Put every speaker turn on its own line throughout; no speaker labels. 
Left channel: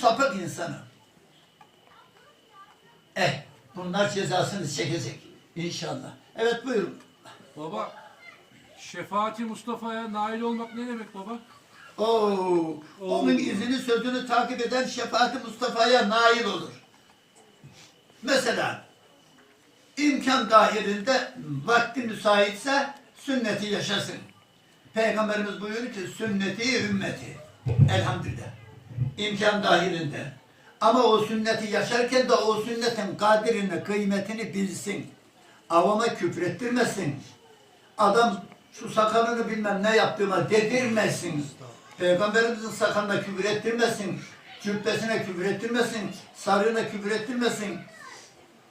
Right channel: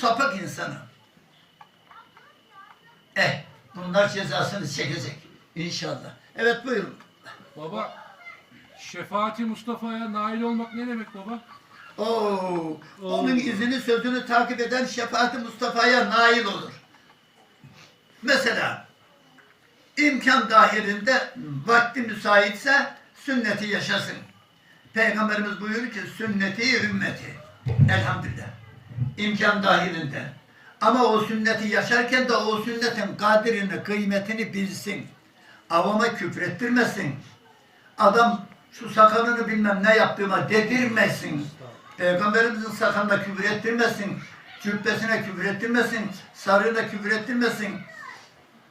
sapık insanı. Eh, bunlar cezasını çekecek inşallah. Evet buyurun.
Baba şefaati Mustafa'ya nail olmak ne demek baba?
Oo, onun izini sözünü takip eden şefaati Mustafa'ya nail olur. Mesela imkan dahilinde vakti müsaitse sünneti yaşasın. Peygamberimiz buyuruyor ki sünneti ümmeti. Elhamdülillah. İmkan dahilinde. Ama o sünneti yaşarken de o sünnetin kadrini, kıymetini bilsin. Avama küfrettirmesin. Adam şu sakalını bilmem ne yaptığıma dedirmesin. Peygamberimizin sakalına küfür ettirmesin. Cübbesine küfür ettirmesin. Sarığına küfür ettirmesin.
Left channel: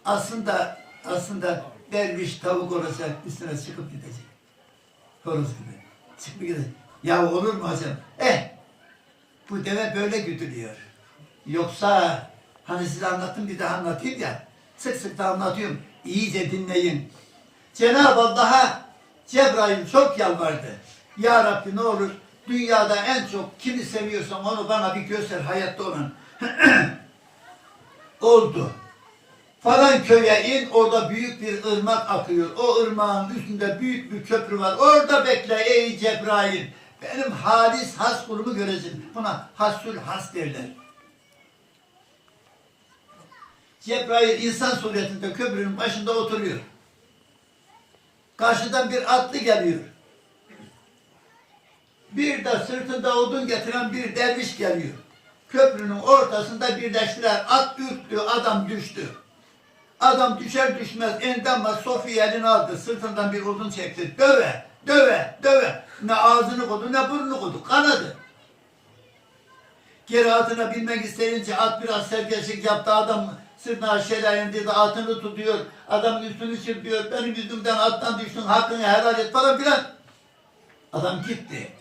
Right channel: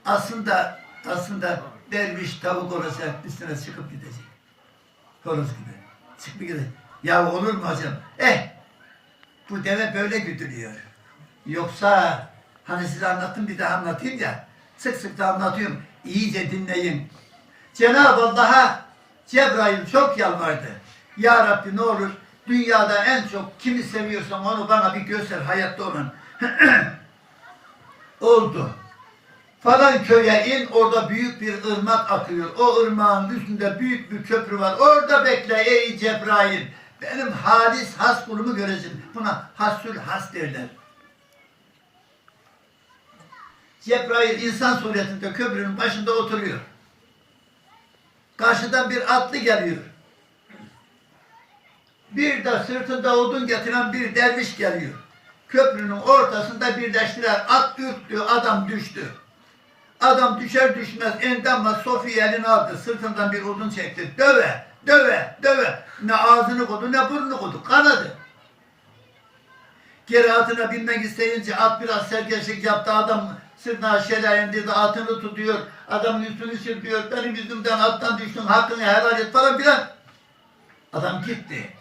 Aslında aslında derviş tavuk olacak üstüne çıkıp gidecek. Horoz gibi. Çıkıp gidecek. Ya olur mu hocam? Eh bu deve böyle güdülüyor. Yoksa hani size anlattım bir daha anlatayım ya. Sık sık da anlatıyorum. İyice dinleyin. Cenab-ı Allah'a Cebrail çok yalvardı. Ya Rabbi ne olur dünyada en çok kimi seviyorsan onu bana bir göster hayatta olan. Oldu. Falan köye in orada büyük bir ırmak akıyor. O ırmağın üstünde büyük bir köprü var. Orada bekle ey Cebrail. Benim halis has kulumu göreceksin. Buna hasül has derler. Cebrail insan suretinde köprünün başında oturuyor. Karşıdan bir atlı geliyor. Bir de sırtında odun getiren bir derviş geliyor. Köprünün ortasında birleştiler. At ürktü, adam düştü. Adam düşer düşmez endamla Sofi'yi eline aldı. Sırtından bir odun çekti. Döve, döve, döve. Ne ağzını kodu ne burnunu kodu. Kanadı. Geri atına binmek isteyince at biraz serkeşlik yaptı. Adam sırtına aşağıya indi de atını tutuyor. Adamın üstünü sürtüyor. Benim yüzümden attan düştün hakkını helal et falan filan. Adam gitti.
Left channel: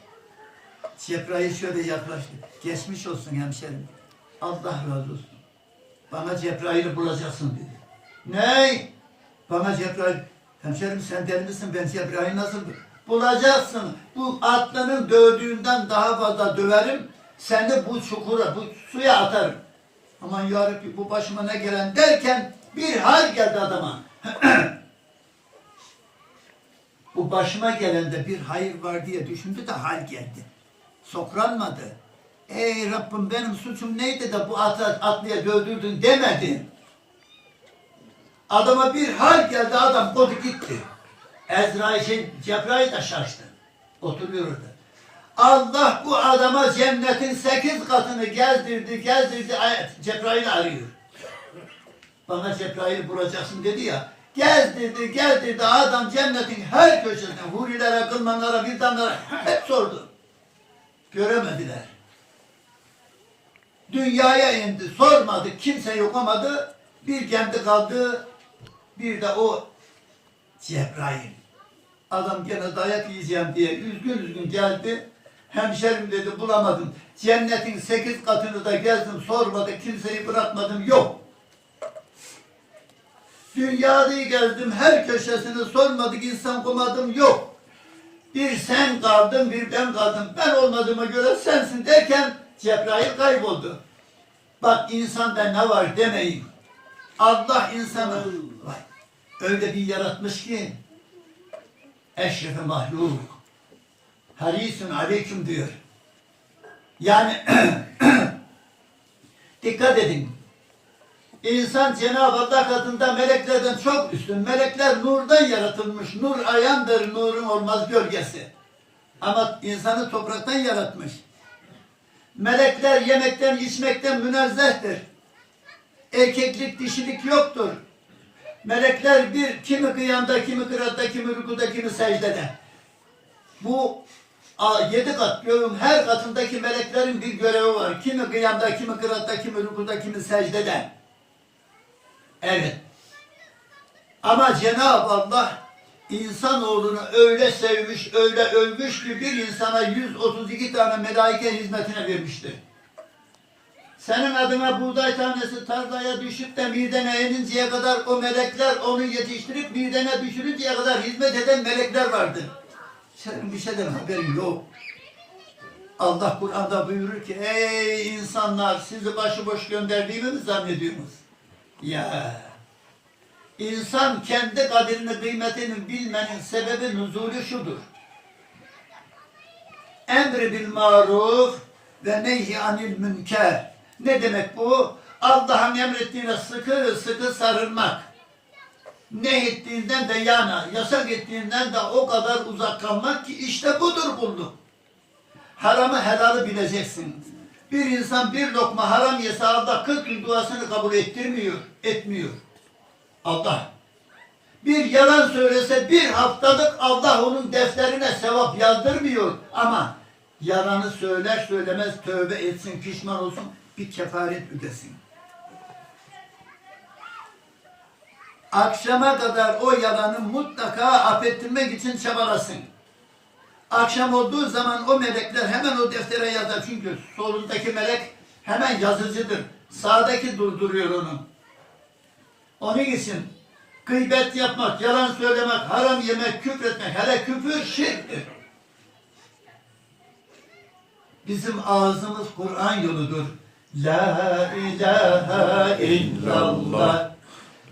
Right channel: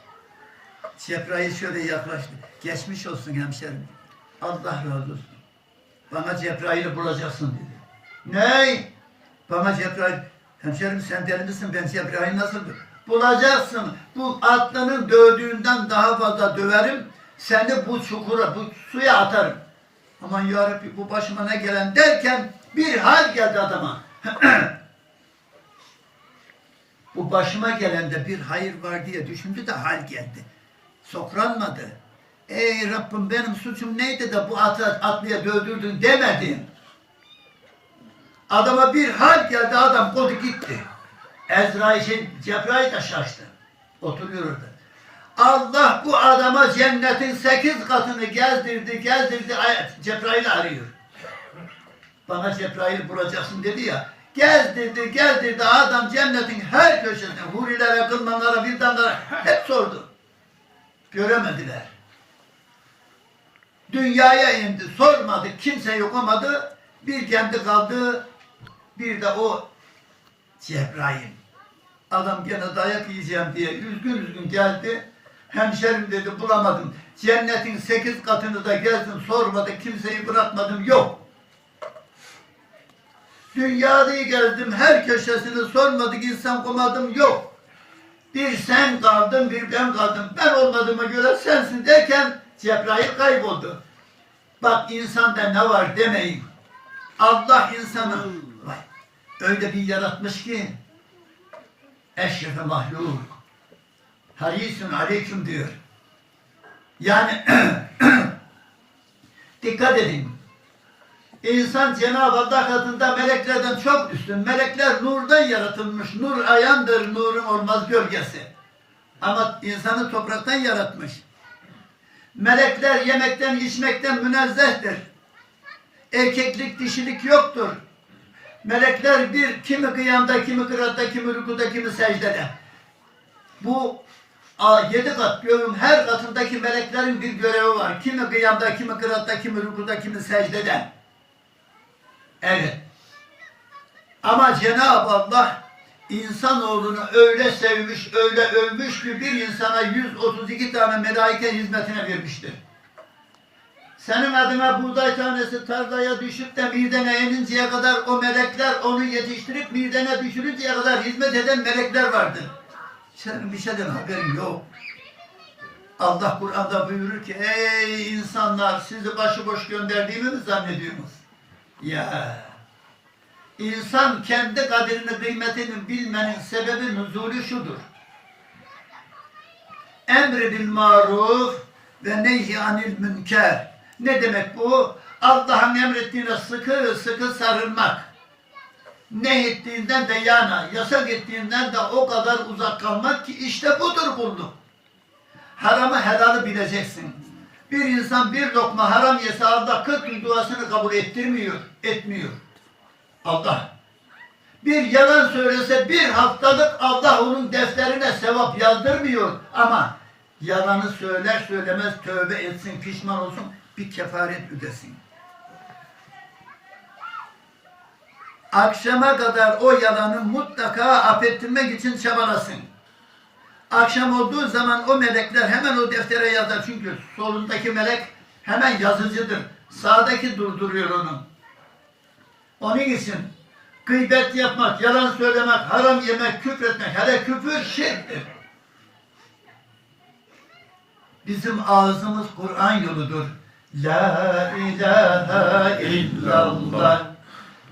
Cebrail şöyle yaklaştı. Geçmiş olsun hemşerim. Allah razı olsun. Bana Cebrail'i bulacaksın dedi. Ney? Bana Cebrail. Hemşerim sen deli misin? Ben Cebrail nasıl? Bulacaksın. Bu atlının dövdüğünden daha fazla döverim. Seni bu çukura, bu suya atarım. Aman yarabbi bu başıma ne gelen derken bir hal geldi adama. bu başıma gelende bir hayır var diye düşündü de hal geldi. Sokranmadı. Ey Rabbim benim suçum neydi de bu atı atlıya dövdürdün demedin. Adama bir hal geldi adam kodu gitti. Ezrail şey, Cebrail de şaştı. Oturuyordu. Allah bu adama cennetin sekiz katını gezdirdi, gezdirdi. Cebrail arıyor. Bana Cebrail bulacaksın dedi ya. Gezdirdi, gezdirdi. Adam cennetin her köşesine, hurilere, kılmanlara, vildanlara hep sordu. Göremediler. Dünyaya indi, sormadı, kimse yoklamadı. Bir kendi kaldı, bir de o Cebrail. Adam gene dayak yiyeceğim diye üzgün üzgün geldi. Hemşerim dedi bulamadım. Cennetin sekiz katını da gezdim sormadı kimseyi bırakmadım yok. Dünyayı gezdim her köşesini sormadık insan bulmadım yok. Bir sen kaldın bir ben kaldım. Ben olmadığıma göre sensin derken Cebrail kayboldu. Bak insanda ne var demeyin. Allah insanı vay, öyle bir yaratmış ki eşrefe mahluk. Harisun aleyküm diyor. Yani dikkat edin. İnsan Cenab-ı Allah katında meleklerden çok üstün. Melekler nurdan yaratılmış. Nur ayandır, nurun olmaz gölgesi. Ama insanı topraktan yaratmış. Melekler yemekten, içmekten münezzehtir. Erkeklik, dişilik yoktur. Melekler bir, kimi kıyamda, kimi kıratta, kimi rükuda, kimi secdede. Bu yedi kat göğün her katındaki meleklerin bir görevi var. Kimi kıyamda, kimi kıratta, kimi rükuda, kimi secdede. Evet. Ama Cenab-ı Allah insanoğlunu öyle sevmiş, öyle övmüş ki bir insana 132 tane melaike hizmetine vermiştir. Senin adına buğday tanesi tarlaya düşüp de midene ininceye kadar o melekler onu yetiştirip midene düşürünceye kadar hizmet eden melekler vardır. Senin bir şeyden haberin yok. Allah Kur'an'da buyurur ki ey insanlar sizi başıboş gönderdiğimi mi zannediyorsunuz? Ya insan kendi kaderini kıymetini bilmenin sebebi nuzulü şudur. Emri bil maruf ve nehy anil münker. Ne demek bu? Allah'ın emrettiğine sıkı sıkı sarılmak. Ne ettiğinden de yana, yasak ettiğinden de o kadar uzak kalmak ki işte budur kulluk. Haramı helalı bileceksin. Bir insan bir lokma haram yese Allah 40 yıl duasını kabul ettirmiyor, etmiyor. Allah. Bir yalan söylese bir haftalık Allah onun defterine sevap yazdırmıyor. Ama yalanı söyler söylemez tövbe etsin, pişman olsun, bir kefaret ödesin. Akşama kadar o yalanı mutlaka affettirmek için çabalasın. Akşam olduğu zaman o melekler hemen o deftere yazar. Çünkü solundaki melek hemen yazıcıdır. Sağdaki durduruyor onu. Onun için gıybet yapmak, yalan söylemek, haram yemek, küfretmek, hele küfür şirktir. Bizim ağzımız Kur'an yoludur. La ilahe illallah.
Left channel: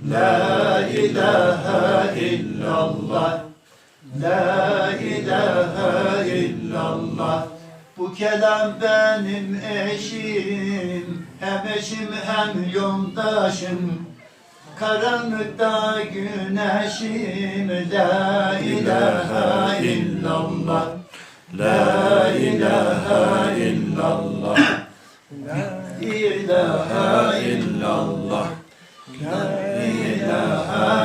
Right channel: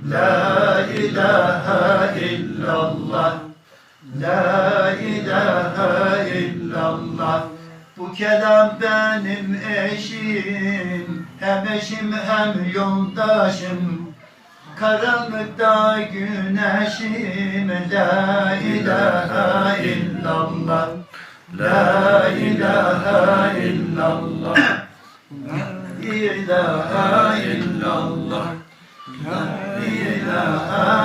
La ilahe illallah. La ilahe illallah. Bu kelam benim eşim, hem eşim hem yoldaşım. Karanlıkta güneşim, la ilahe illallah. La ilahe illallah. La ilahe illallah. La ilahe